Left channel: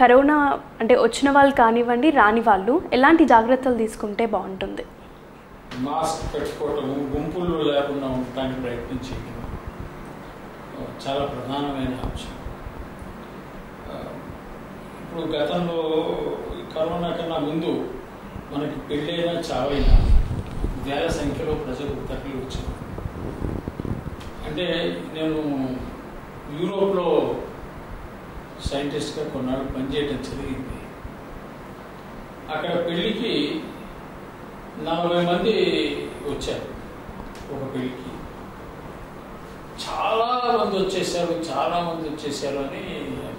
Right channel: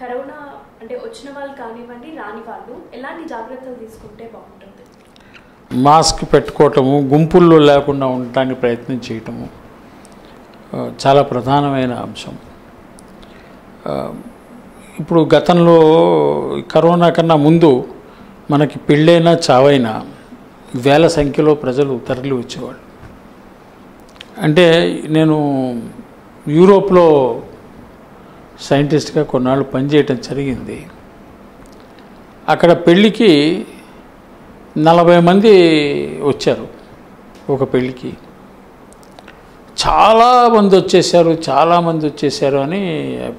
Corona అంటే వచ్చిన వాళ్ళు కానివ్వండి, రాని వాళ్ళు ఎలాంటి జాగ్రత్తలు తీసుకుంటే బాగుంటుంది? మాస్క్ పెట్టుకోవటము, గుంపుల్లో లేకుండా ఉండటానికి ప్రయత్నం చేయటము చాలా ప్రధానమైన అంశం. ఇప్పుడు గతంలో కరోనా కన్నా ముందు మనకి పెళ్ళైనా చావైనా వేల సంఖ్యలో ప్రజలు తరలి వచ్చేవాళ్ళు. అంటే నేను యూరోప్లో సైంటిస్ట్గా కొన్నాళ్ళు పనిచేయటం జరిగింది. అక్కడ పెళ్ళికి 40 మంది వచ్చారు. ఒక పెళ్ళికి చాలామంది వచ్చేసారు అని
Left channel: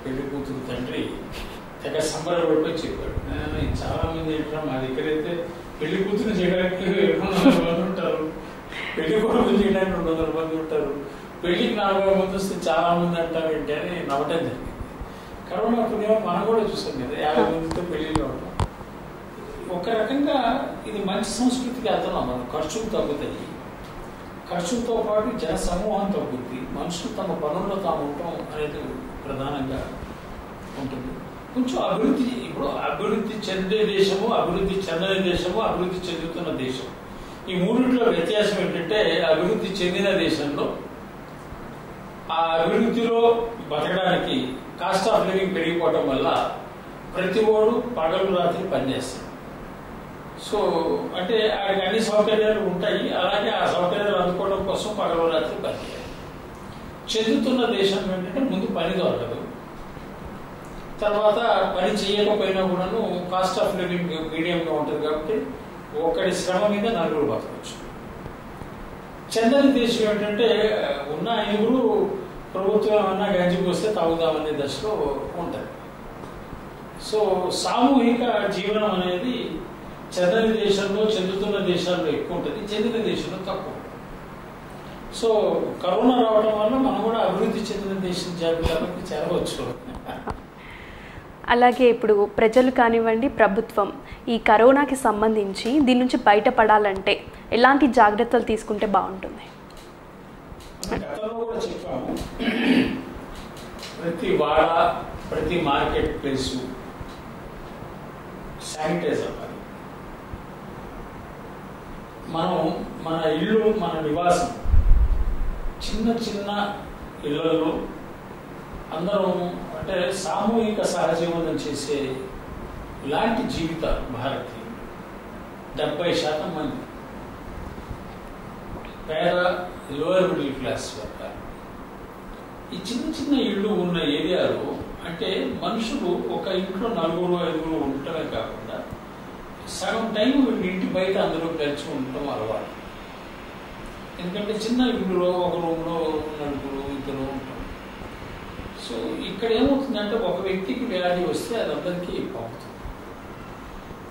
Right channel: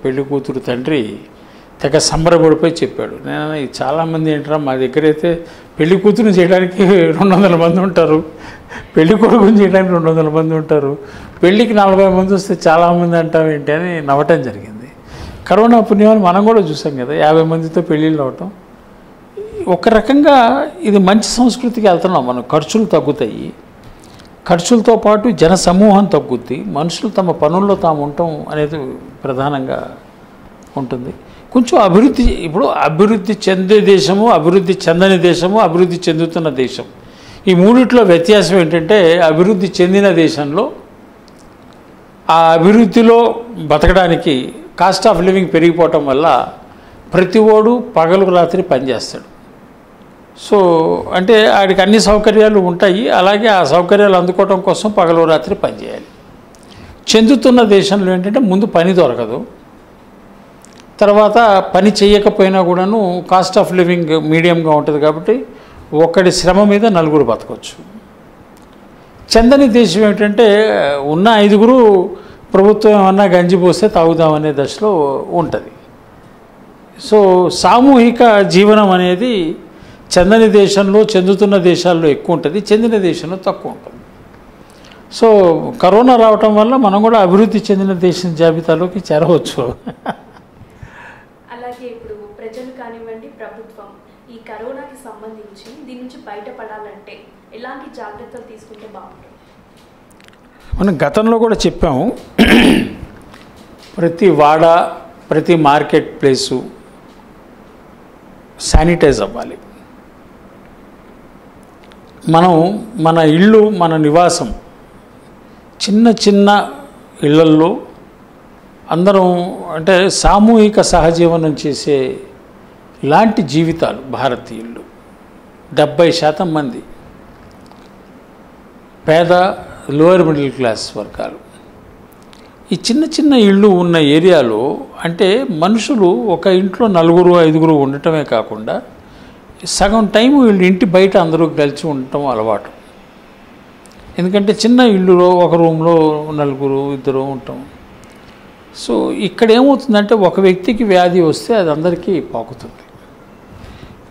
పెళ్లి కూతురు తండ్రి తెగ సంబరపడిపోయి చెప్పాడు. నేను ఇది చాలామంది ఏంటరా, మా దగ్గర అయితే పెళ్లి కూతురుని చేయడానికి 200 మంది ఉంటారు, పెళ్లి కొడుకుని చేయడానికి 200 మంది ఉంటారు, పెళ్ళికి 40 మంది వస్తే చాలామంది అంటాం ఏంటి అని నవ్వటం జరిగింది. కరోనా పుణ్యాన్ని మనం కూడా చూసాం కదా, 50 మందితో పెళ్ళిళ్ళు అవటం. ఒక రకంగా ఇది మంచి సంస్కృతికి వెళ్తున్నాం మనం. ఖర్చులు తగ్గుతాయి, ఖర్చులతో పాటు జన సమూహం తగ్గుద్ది, మనుషులు తమ పనుల్లో తాము ఉండటం అనేది ప్రధానంగా ఉంటుంది. కొంచెం అభివృద్ధి, ఇప్పుడు అభివృద్ధి చెందే దేశము, అభివృద్ధి చెందని దేశము, అభివృద్ధి చెందుతున్న దేశం, ఈ మూడిట్లో వ్యత్యాసం ఏంటంటే అభివృద్ధి చెందిన దేశంలో ఆ అభివృద్ధిలో బతకడానికి కాస్ట్ ఆఫ్ లివింగ్ పెరిగిపోవటం వల్ల ప్రతి ఓడు పగలు రాత్రి పనిచేస్తాడు. సో అంటే ఆడికి అన్ని సౌకర్యాలు ఉంటాయి, అలాగే ఆ సౌకర్యాలు అందుకోవడం కోసం పగలు రాత్రి పనిచేయాలి. చెందుతున్న దేశంలో ఏంటంటే ముందు పని దొరకదు, తర్వాత పని చేయకపోయినా కూడాను కాస్ట్ ఆఫ్ లివింగ్ మీడియంగా ఉంటుంది కాబట్టి ఒకడి శ్రమ మీద 4 బతకొచ్చు. చెందని దేశం ఏంటంటే ఉన్న 5 ప్రభుత్వం ఏమన్నా గంజి పోస్తే తాగుదామనే దశలో ఉంటుంది. సో సామూహిక జీవనం అనేది చెందని దేశంలో, చెందుతున్న దేశాల్లో ఎక్కువ ఉంటుంది, చెందిన దేశంలో తక్కువ ఉంటుంది. సో కరోనా రావటం వల్ల మనం కూడా అభివృద్ధి చెందిన దేశం జాబితాలోకి చేరవచ్చు. అలాగే ఇప్పుడు ప్రజలు కానివ్వండి, ప్రభుత్వం ఈ కరోనాకి సంబంధించి దీని నుంచి బయటపడాలంటే ఎలాంటి జాగ్రత్తలు తీసుకుంటే బాగుంటుంది? మనం గతంలో కూడా చెప్పాము, ప్రతి వాడ, ప్రతి మార్కెట్ ప్లేసు శానిటైజ్ అవ్వాలి. మనం మన ఇళ్ళు, మన నివాసం, చిన్న చిన్న ఇళ్లల్లో అందరం అంటే సామూహిక సహజీవనం చేసే లాంటి జీవితాలు భారతీయులు. 70% మంది పేద, లోయర్ మిడిల్ క్లాస్ వర్గాలు. ఈ చిన్న చిన్న ఇళ్ళు ఉన్న ఏరియాలో అంటే మనుషులు ఒక ఇంట్లో 4-5 ఉండటమే కాకుండా సగం టైం వీళ్ళు ఇంటి బయట అందరూ కలిసి ఉండటం అలవాటు. ఎందుకంటే చిన్న ఇల్లులో ఒక రూమ్లో 4-2 ఉంటాం. సో ఇక్కడ ఏమవుతుందంటే ఒక వ్యక్తికి వ్యాధి వస్తే అది అందరికీ పాకుతుంది.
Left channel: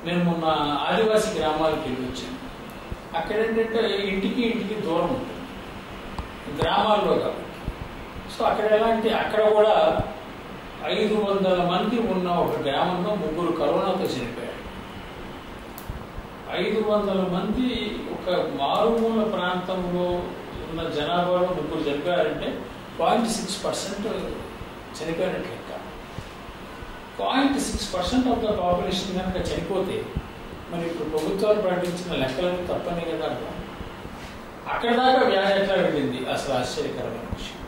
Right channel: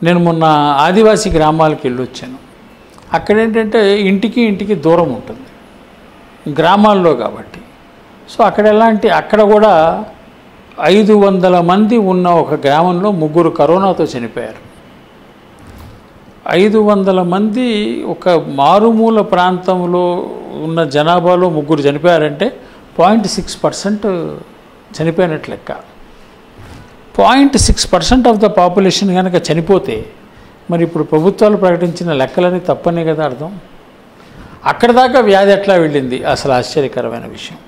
నేను మొన్న ఆదివాసీ గ్రామాలకు వెళ్ళొచ్చాను. అక్కడేంటంటే ఇంటికి దూరం ఉంటుంది గ్రామాల్లో కాబట్టి. సో అక్కడ కూడా 500 మంది ఉన్న ఒక గ్రామంలో 3 కరోనాతో చనిపోయారు. 500 మంది ఒక మారుమూల ప్రాంతంలో ఉన్న జనాభాలో 3 చనిపోయారంటే 0.6% చనిపోయినట్లు లెక్క. 0.6% ఆఫ్ ద పాపులేషన్ కనుక చనిపోతే మరి ఇప్పుడు ప్రభుత్వాలు ప్రకటించిన లెక్కలని తప్పనే కదా అర్థం. అక్కడ దాకా వ్యాధి ఎట్లా వెళ్ళింది అసలు ఆశ్చర్యకరమైన విషయం.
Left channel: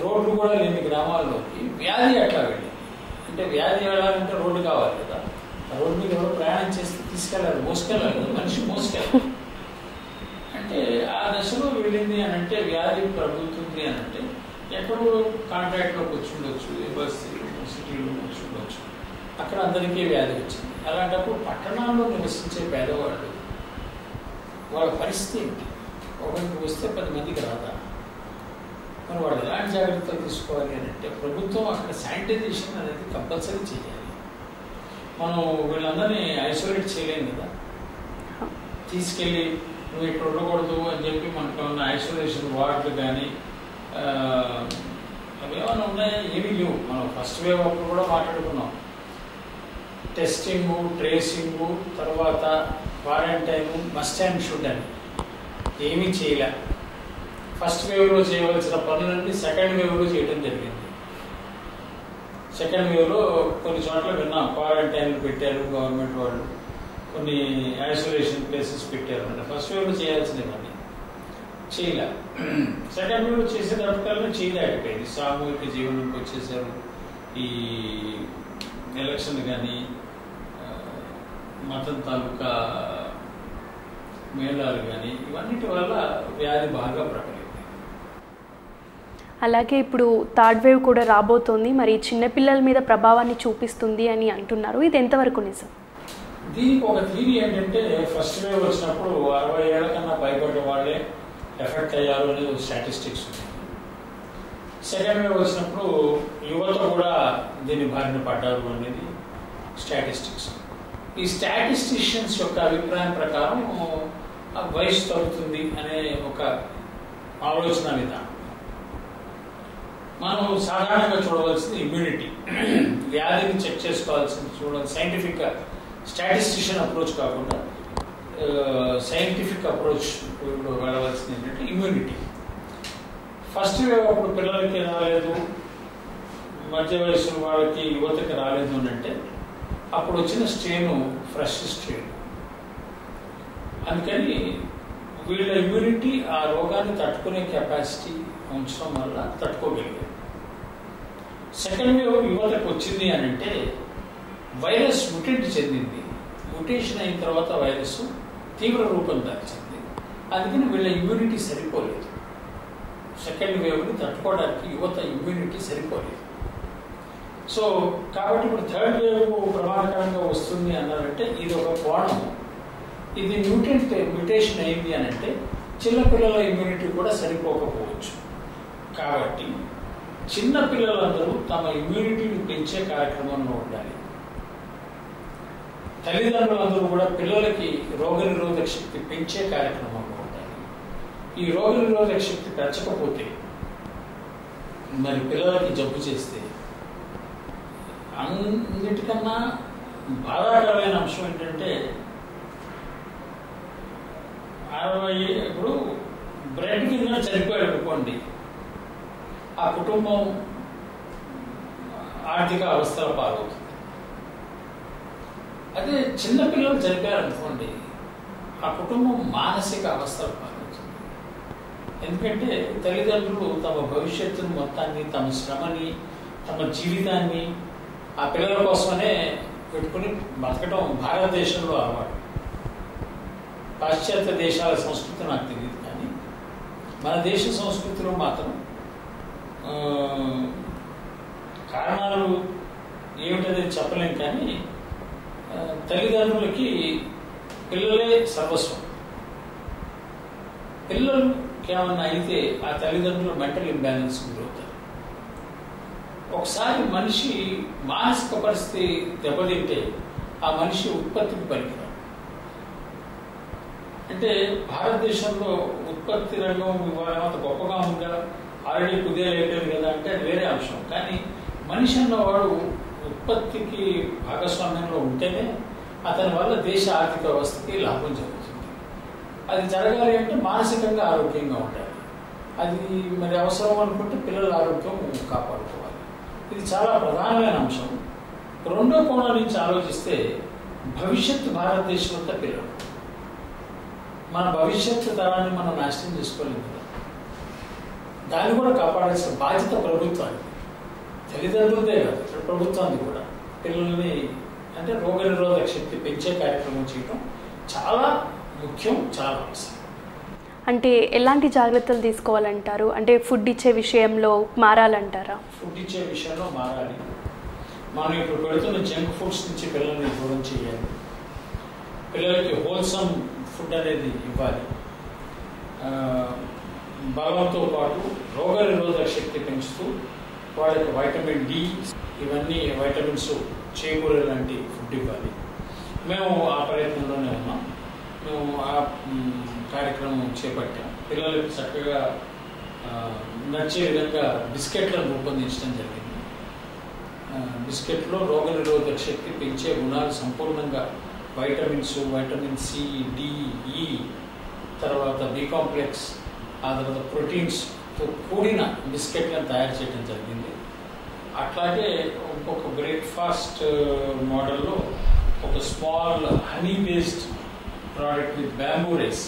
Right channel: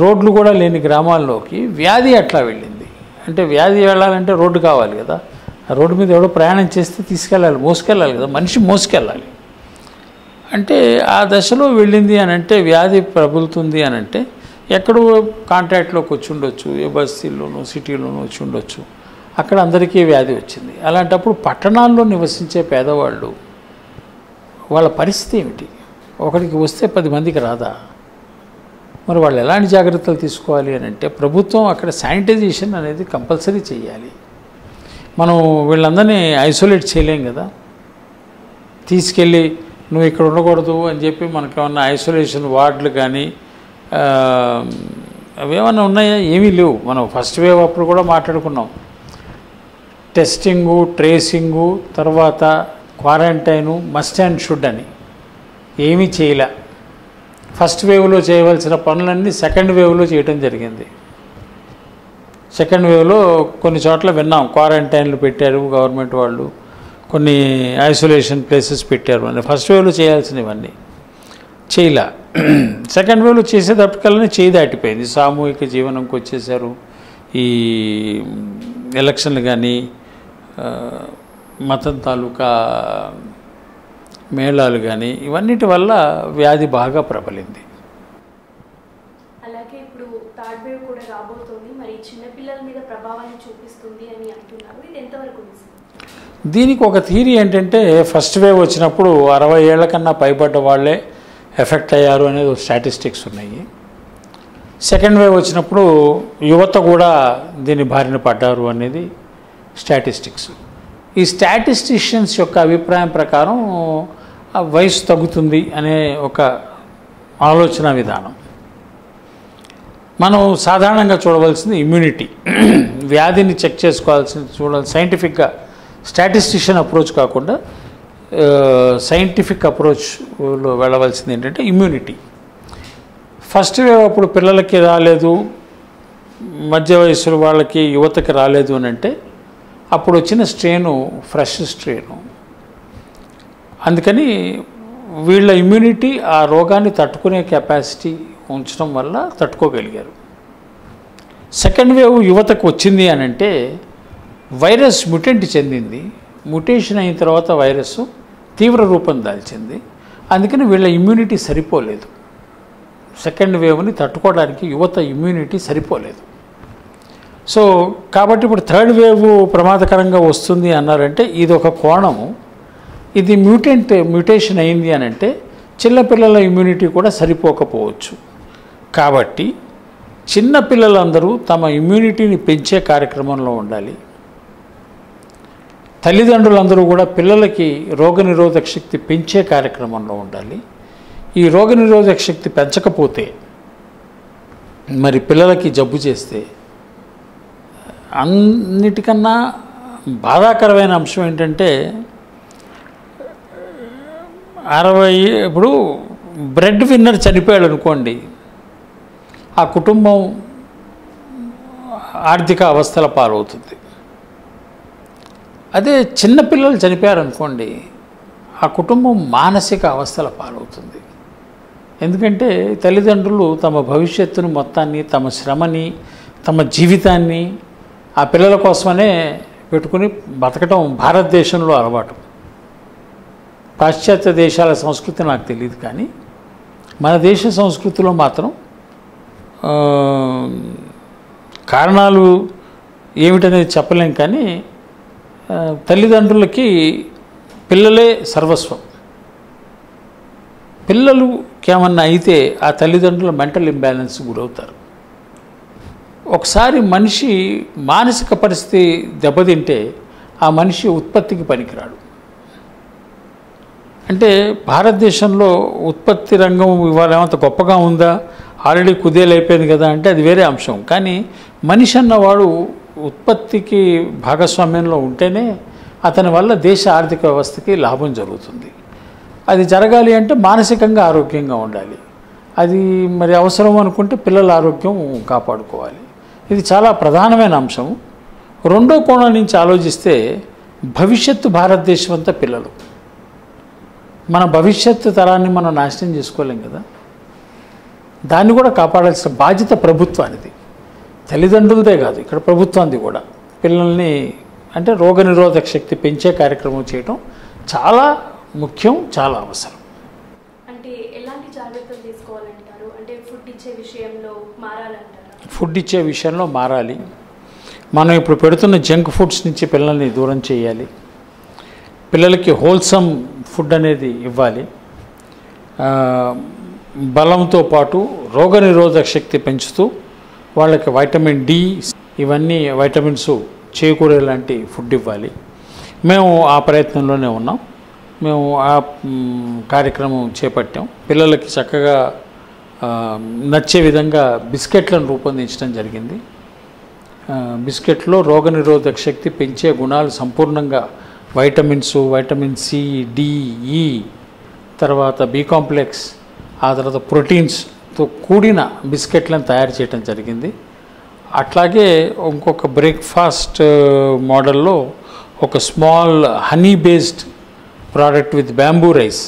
రోడ్లు కూడా లేని గ్రామాల్లోకి వ్యాధి ఎట్లా వెళ్ళింది అంటే, వ్యాధి వెళ్ళాలంటే రోడ్డు కావాలి కదా, రోడ్డు మీద ఎవడో ప్రయాణం చేస్తే తీసుకెళ్ళాలి, మోసుకెళ్ళాలి కదా, మనిషి మోసుకెళ్ళాలి. అంటే ఆ దశలో వెళ్ళింది అని అంటే, వ్యాధి ప్రబలుతుంది అని అంటే ఎక్కడో కాంట్రాక్ట్లోకి వచ్చి ఉండొచ్చు, ఏ బస్తీల్లోనూ సిటీలోనూ వచ్చి ఉండొచ్చు, అక్కడ అందరికీ వ్యాధి వచ్చింది. అలాంటప్పుడు పట్టణాల్లో నివసించే పేదవాళ్ళు వాళ్ళ పరిస్థితి ఏమిటి? ఒకరికి వస్తే 10 మందికి రాదా? మరి వాళ్ళు ఎలాంటి జాగ్రత్తలు తీసుకోవాలి అని అంటే, ప్రభుత్వం అక్కడ శానిటైజేషన్ అనేది కంపల్సరీ చేయాలి. మనం వీళ్ళందరినీ ఐసోలేట్ చేయలేం కదా, తీసుకెళ్ళి నువ్వు ఇక్కడ ఉండకూడదు అని చెప్పి మనకేమన్నా ఐసోలేషన్ వార్డులు కానీ అవేమన్నా ఉన్నాయా? ఏమీ లేవు. మనం ఫస్ట్ వేవ్ అప్పుడు కూడా మాట్లాడుకున్నాం, టెస్టింగు, ట్రేసింగు, తర్వాత క్వారంటైను మస్ట్ అండ్ షుడ్ అని ఏమీ చేయలే. ఫస్ట్ వేవ్లో చేయవలసిన పనులన్నీ సెకండ్ వేవ్లో చేయటం జరిగింది. సెకండ్ వేవ్లో కొన్ని చోట్ల విన్నాం, క్వారంటైన్లు పెట్టారు గవర్నమెంట్ వాళ్ళు, కొన్ని ఐసోలేషన్ ప్లేసెస్ పెట్టారు అని. ఫస్ట్ వేవ్లో చేయాల్సినవన్నీ చేయలే. సెకండ్ వేవ్లో చేసేటప్పటికల్లా చేయి దాటిపోయింది. సామూహిక జీవనంకి వచ్చేసారు. ఈ ఎలక్షన్లు కానీ మతం తాలూకా మేళాలు కానీ ఇవన్నిటి వల్ల వ్యాధి బాగా ప్రబలింది. అలాగే ఇప్పుడు థర్డ్ వేవ్ కూడా రాబోతోంది, మరి చిన్నపిల్లల మీద ప్రభావాన్ని చూపిస్తుంది అని అంటున్నారు. ఇది ఎంతవరకు నిజం? దీనికి ఒక థియరీ ఏంటంటే, ఫస్ట్ వేవ్ వచ్చినప్పుడు 60 ఏళ్ల కన్నా పైబడ్డ వాళ్ళే ఎఫెక్ట్ అయ్యారు అనేది స్టాటిస్టిక్స్ ఉన్నాయి. సెకండ్ వేవ్ వచ్చినప్పుడు యువత కూడా దీని బారిన పడ్డారు అనేది స్టాటిస్టిక్స్. ఈ స్టాటిస్టిషియన్స్ యొక్క అభిప్రాయం ప్రకారం వయసు తగ్గుతుంది అనే ఒక ఆలోచన విధానం. మనం సాధారణంగా చూడవలసింది ఇమ్యూనిటీ. వ్యాధిని చెక్ చేసుకోవాల్సింది చూడాలి సైంటిఫిక్గా, స్టాటిస్టిషియన్ అప్రోచ్ కాకుండా సైంటిఫిక్ అప్రోచ్లో వెళ్ళవలసింది ఏంటంటే ఇమ్యూనిటీ. ఫస్ట్ వేవ్ అప్పుడు పిల్లలకి రాలేదు, మధ్య వయసు వాళ్ళకి, యువతకి రాలేదు అని అంటే అప్పుడు వచ్చిన స్ట్రెయిను ఫ్రెష్ స్ట్రెయిను. అందుకని వీళ్ళ ఇమ్యూనిటీ ఆ రోగాన్ని తట్టుకునే కెపాసిటీ ఉంచడం వల్ల తట్టుకోగలిగారు. సెకండ్ వేవ్ యువతకు వచ్చింది అని అంటే వైరస్ మ్యుటెంట్ చెందింది. మ్యుటేషన్ అయిన తర్వాత వైరస్ తీవ్ర రూపం దాల్చింది. అందుకని వీళ్ళ ఇమ్యూనిటీ సరిపోలేదు. సెకండ్ వేవ్ని తట్టుకోవడానికి యువత ఇమ్యూనిటీ సరిపోలేదు. సో కాబట్టి ఇప్పుడు థర్డ్ వేవ్ ప్రమాదకరంగా వస్తుంది అన్నారంటే ఇది ఒక కోణము. ఇది మ్యుటేషన్ అయింది అని అంటే చిన్నపిల్లల ఇమ్యూనిటీ కూడా సరిపోకపోవచ్చు. కాబట్టి చిన్నపిల్లలందరూ తమ ఇమ్యూనిటీని పెంచే కార్యక్రమంలో ఉండాలి. తల్లిదండ్రులందరూ కూడా పిల్లలకి రోగనిరోధక శక్తి పెంచే కార్యక్రమంలో ఉండాలి. ఈ రోగనిరోధక శక్తి పెంచకపోతే మరి పిల్లలకి జబ్బు చేస్తే అన్నిటికన్నా బాధాకరమైన అంశం ఏంటంటే 60 ఇప్పుడు బ్రెడ్ విన్నర్ చనిపోయాడు అనుకోండి, ఆ కుటుంబం ఆర్థిక అవస్థల పాలవుతుంది. అదే చిన్నపిల్లలు చనిపోయారనుకోండి, ఆ కుటుంబం మానసిక అవస్థల పాలవుతుంది. ఎందుకంటే తల్లిదండ్రులు తమ భవిష్యత్తును మొత్తాన్ని, తమ శ్రమని, తమ జీవితాన్ని ఆ పిల్లల కోసమనే పెట్టుకుని బతకడం భారతదేశంలో అలవాటు. పాశ్చాత్య దేశాల సంస్కృతి నాకు తెలియదు, కానీ మన దేశ సంస్కృతిలో మాత్రం కారణాలు ఏమిటనేది చెప్పలేం, కానీ తల్లిదండ్రులకి పిల్లలే సర్వస్వం. పిల్లలుకి ఏమన్నా అయితే ఆ తల్లిదండ్రుల మెంటల్ ఇంబ్యాలెన్స్ గురవుతారు. ఒకసారి మనిషి మానసిక పరిస్థితి దెబ్బతింటే ఆ మనిషి ఉత్పత్తికి పనికిరాడు. అంటే భారతదేశంలో ఉత్పత్తి రంగం ఇవాళ ఏమంత గొప్పగా ఉందా, ఆల్రెడీ కుదేలైపోయింది కదా అంటే అది వేరే అంశం. కానీ మనిషి అన్నవాడు ఉత్పత్తికి భాగస్వామ్యంలో ఉంటేనే అతని వల్ల దేశ ఆర్థిక వ్యవస్థకి లాభం జరుగుతుంది. అది జరగాలి అంటే మానసికంగా ఆరోగ్యంగా ఉండాలి. అది మరి అవసరం అనుకుంటే పిల్లల ఆరోగ్యం కాపాడుకోవాలి. ఇది చాలా ప్రధానమైన అంశం. రెండో కోణం నుంచి ఆలోచిస్తే భవిష్యత్తు భారతదేశం అంతా పిల్లలు. మన భవిష్యత్తు తరాన్ని మనం నాశనం చేసుకోలేం కదా. దాన్ని కూడా కాపాడాల్సిన బాధ్యత ప్రభుత్వానిది, తల్లిదండ్రులదే కాదు, ఇక్కడ ప్రభుత్వానికి కూడా. పిల్లల్ని అంటే రోగనిరోధక శక్తి పెంచే కార్యక్రమం చేయడం చాలా ముఖ్యం, చాలా అవసరం. అంటే ఎలాంటి జాగ్రత్తలు తీసుకోవాలంటారు? అంటే ఫుడ్ ఇచ్చే విషయంలో మారాలంటారా? ఫుడ్ ఇచ్చే విషయంలో మారాలి. మనం ఇప్పుడు పెడుతున్న జంక్ ఫుడ్స్ నుంచి పిల్లల్ని దూరం చేయాలి. పిల్లలకి హోల్సమ్ ఫుడ్ అనేది ఇవ్వాలి. బలంతో పాటు రోగనిరోధక శక్తి పెంచుతూ వాళ్ళకి వైటమిన్ డి, ఇవన్నీ వైటమిన్స్, చేకూరే లాంటి ఫుడ్ ఇవ్వాలి. మేము ఆ ప్రయత్నంలోనే ఉన్నాం. మేము ఆ కార్యక్రమం చేపట్టాం. పిల్లలకి చక్కగా నచ్చే విధంగా బిస్కెట్లను రూపొందించడం జరిగింది. బిస్కెట్లో రోగనిరోధక శక్తి పెంచే గుణాలు సంపూర్ణంగా వైటమిన్స్, వైటమిన్ సి, డి, ఈ, తర్వాత బి కాంప్లెక్స్, ఆ తర్వాత ప్రోటీన్స్తో కూడిన బిస్కెట్లను తయారు చేయడం జరిగింది. అట్లాగే ఇంకొక బ్రేక్ఫాస్ట్ మోడల్లో ఒక small honey based product with bamboo rice.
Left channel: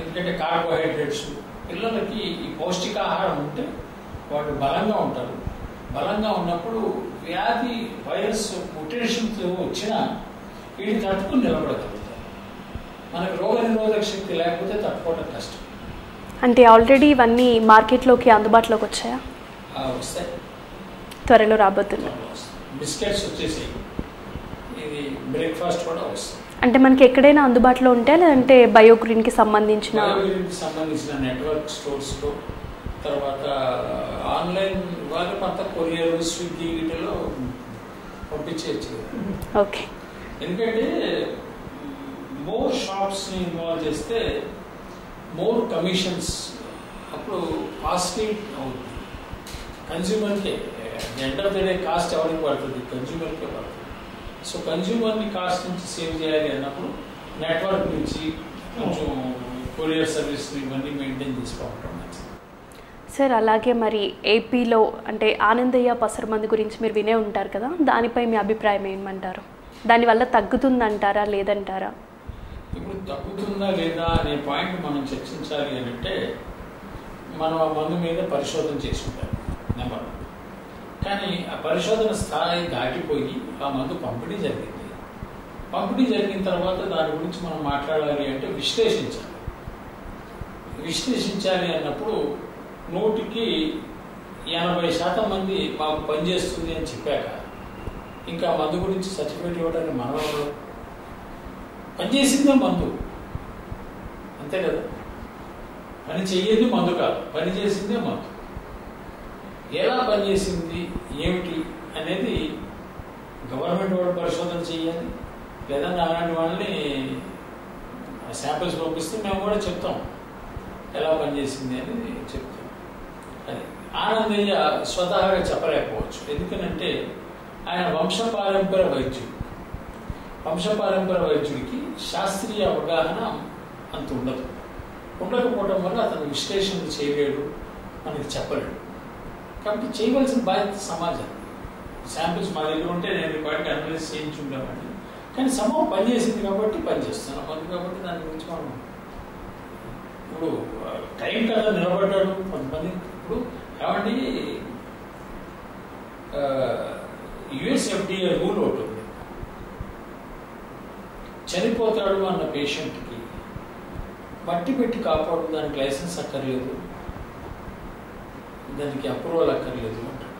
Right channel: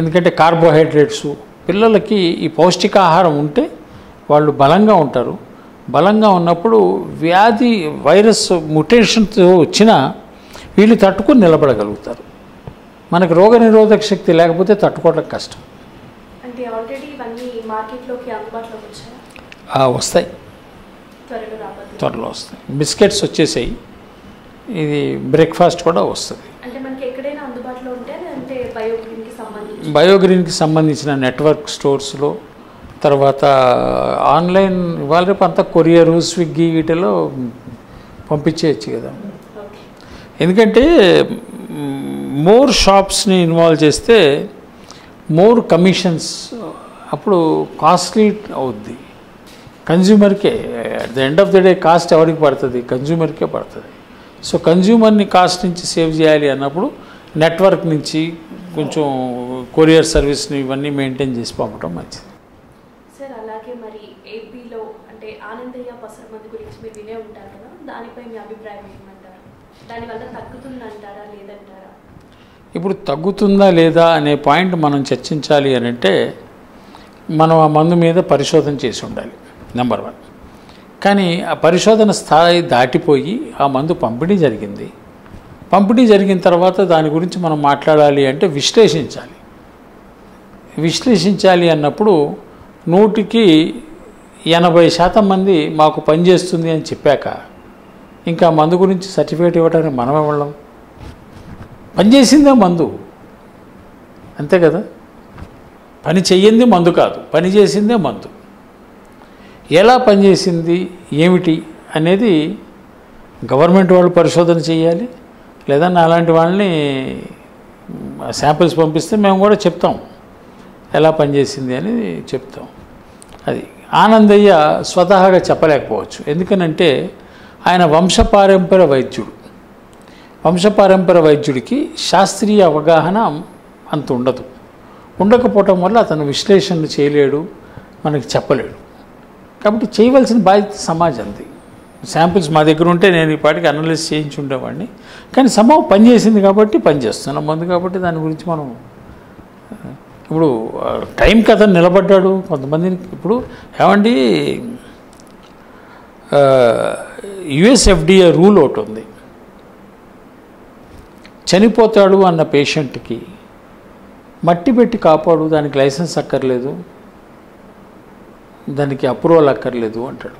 ఎందుకంటే కార్బోహైడ్రేట్స్ పిల్లలకి ఈ పౌష్టికాహారం ఉంటే వాళ్ళు బలంగా ఉంటారు. బలంగా ఉన్నప్పుడు వ్యాధి వైరస్ ముటేషన్తో వచ్చినా వీళ్ళు తట్టుకుని నిలబడగలుగుతారు. మనకు రోగనిరోధక శక్తి లేకపోతే తట్టుకోవడం కష్టం. అంటే ఆల్రెడీ ఇవన్నీ మార్కెట్లోకి అందుబాటులోకి వచ్చాయా? వస్తాయి, త్వరలో రాబోతుంది. త్వరలో వస్తాయి. బిస్కెట్స్ వచ్చేసాయి, ఇది బ్రేక్ఫాస్ట్ కూడా వస్తుంది. అంటే మనకి ఎక్కడైనా అందుబాటులో ఉంటాయా, లేదంటే బయోగ్రీన్కి సంబంధించిన నెట్వర్క్ స్టోర్స్లో, తర్వాత ఆన్లైన్ వాళ్ళ రేపు అంతా కొరియరు స్విగ్గీ వీటిలో పంపించేయచ్చు కదా. ఓకే. ఎందుకంటే మోర్ షాప్స్ని ఇన్వాల్వ్ చేస్తే మోర్ కమిషన్స్, అప్పుడు కాస్ట్లీ అవుద్ది కన్జ్యూమర్కే. At the end of the day cost ఎవరికి పడుతుంది? కన్జ్యూమర్కే పడుతుంది. సో కన్జ్యూమర్ని కాస్ట్ నుంచి సేవ్ చేయాలి అన్నప్పుడు నెట్వర్క్ నుంచి కొంచెం కొరియర్ సర్వీస్ని ఇవన్నీ మెయింటైన్ చేసి పంపడం మంచిది. సార్, అలాగే మరి ఏపీలో అంటే ఆనందయ్య పసరమందు గురించి మీరు వినే ఉంటారు కదా, దానిపై మీ అభిప్రాయం ఏమంటారు? దానివల్ల తగ్గుతుందంటారా లేదంటారా? ఇప్పుడు తగ్గుతుందా లేదా అనే పాయింట్ మనం చర్చించాలి అని అంటే మనం ఆ మందు మీద పరిశోధన చేసి ఉండాలి, నెంబర్ 1. కానీ ఆ పరిశోధన స్థాయి దాటిపోయి ఆ మందు పంపిణీ జరిగింది. పంపిణీ జరిగిన తర్వాత దాని గురించి మనం మాట్లాడాలి అంటే విశ్లేషించాలి అన్నప్పుడు 100కి 80% మంది మాకు పనిచేస్తుంది అని చెప్పాక ఇంకా మందు గురించి సర్టిఫికేట్ ఇవ్వడానికి మనమే వాళ్ళం. పనిచేసిందే మందు, అంతే కదా. పని చెయ్యింది మందు కాదు, పని చేసిందే మందు. ఎలా పనిచేసింది ఏమిటి అనేది గవర్నమెంట్ వాళ్ళు పరిశోధన చేయాలి, లేదా అలాంటి వాళ్ళని శాంపిల్స్ పంపిస్తే మేము కూడా చెప్తాం ఎలా పనిచేసింది అనేది చెప్తాం. అది ఆనందయ్య స్వతహాగా చెప్పలేకపోవచ్చు, ఎందుకనంటే ఆయన వంశపారంపర్య వైద్యుడికి శాస్త్రీయ అవగాహన అంత ఉండకపోవటం వల్ల అతను విశ్లేషణ చేయలేడు, మనకి చెప్పలేడు. కాబట్టి చేయవలసిన బాధ్యత సమాజంది. శాంపిల్స్ మా దగ్గర ఉంటే నేను ఈ పాటికి అనలైజ్ చేయించి ఉండేవాడిని. కానీ సమూహం పనిచేసింది కాబట్టి పనిచేస్తున్నాం మందు, కాబట్టి దాని గురించి మనం ఇప్పుడు టైంకి అతను నిలబడ్డాడు. కొంతమందిని ఇప్పుడు ఏమండి యుఎస్ FDA రూల్ ఒకటి ఉంది, చనిపోతాడు అన్న పేషెంట్కి మట్టి పెట్టి కాపాడు, దానికి లైసెన్స్ అక్కర్లేదు, దానికి అప్రూవల్ అక్కర్లేదు అంటాడు.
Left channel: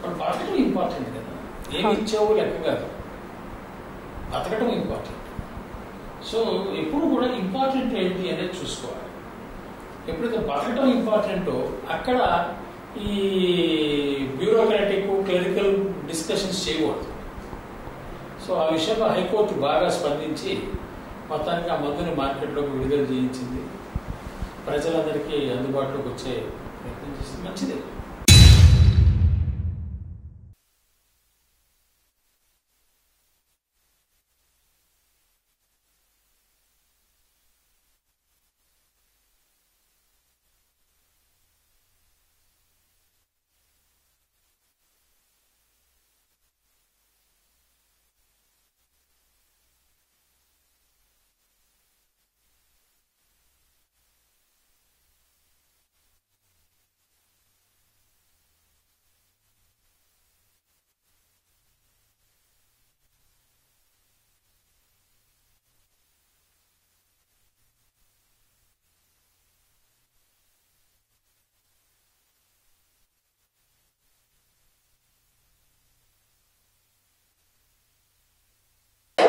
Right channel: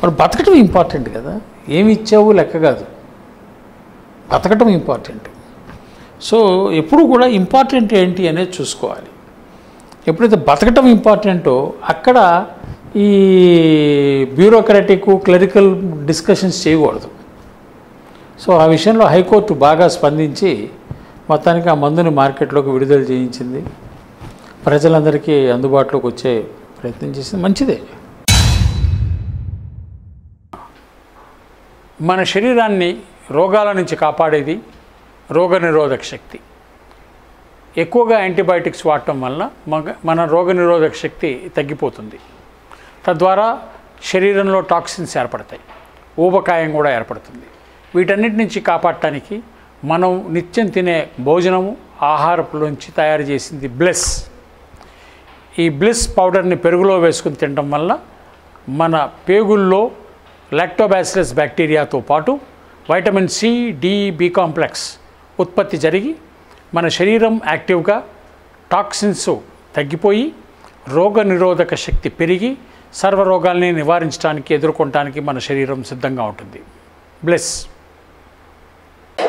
మరి బతకటం ఇంపార్టెంట్ కదా, ఏమి ఇచ్చావు లెక్క కాదు, బతకటం ఇంపార్టెంట్. సో ఎప్పుడు కూడా ఇంపార్టెంట్ ఏంటి అనేది చూసుకోవాలి. ఎప్పుడైతే బతకటం ఇంపార్టెంటో అక్కడ ఈ బ్యూరోక్రాటిక్ క్లరికల్ డిస్కషన్స్ చేయకూడదు. సో ఆ విషయంలో హైకోర్టు బాగా స్పందించి మొత్తానికి ఆ మందుని మార్కెట్లోకి విడుదల చేయించింది, ప్రజలందరికీ అందుబాటులోకి వచ్చే ప్రయత్నం చేసింది, మంచిదే. మన శరీరాన్ని రోగాల నుంచి కాపాడేది రోగనిరోధక శక్తి. ఎక్కువగా యాంటీబయాటిక్స్ వాడటం వల్ల మన రోగనిరోధక శక్తి తగ్గిపోతుంది. తద్వారా శరీరంలో టాక్సిన్స్ ఏర్పడతాయి, ఊబకాయం కూడా ఏర్పడుతుంది. వీటన్నిటి నుంచి కాపాడటానికి మనం నిత్యం తినే భోజనము ఆహారంలోంచి తయారు చేసింది బ్లెస్. ఈ బ్లెస్ పౌడర్ని పెరుగులో వేసుకుని తినడం వల్ల మన పేగుల్లో లాక్టోబాసిలస్ బ్యాక్టీరియాతో పాటు vitamin C, D, B complex ఉత్పత్తి జరిగి మన శరీరం యాక్టివ్గా, టాక్సిన్స్ తగ్గిపోయి రోగనిరోధక శక్తి పెరిగి సర్వరోగాల్ని నివారించడానికి ఎదుర్కొనడానికి మన శరీరం సిద్ధంగా ఉంటుంది. Bless.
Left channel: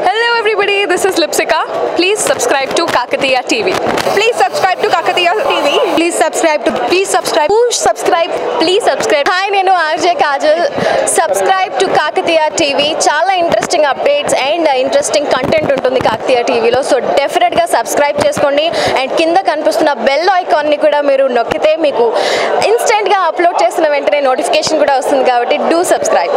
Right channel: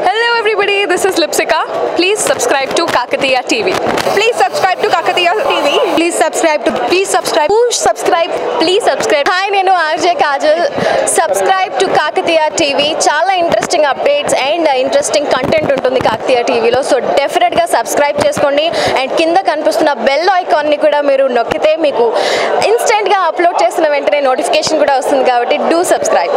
Hello everybody, this is Lipsika. Please subscribe to Kakatiya TV. Please subscribe to Kakatiya TV. Please subscribe. Push subscribe. Please subscribe. Hi, nenu RJ Kajal. Subscribe to Kakatiya TV. Chala interesting updates and interesting content untundi Kakatiya TV lo. So definitely ga subscribe cheskondi and kinda kanipustunna bell icon ni kuda meeru nokkite meeku instant ga upload chesina ventane notification kuda vastundi kabatti do subscribe.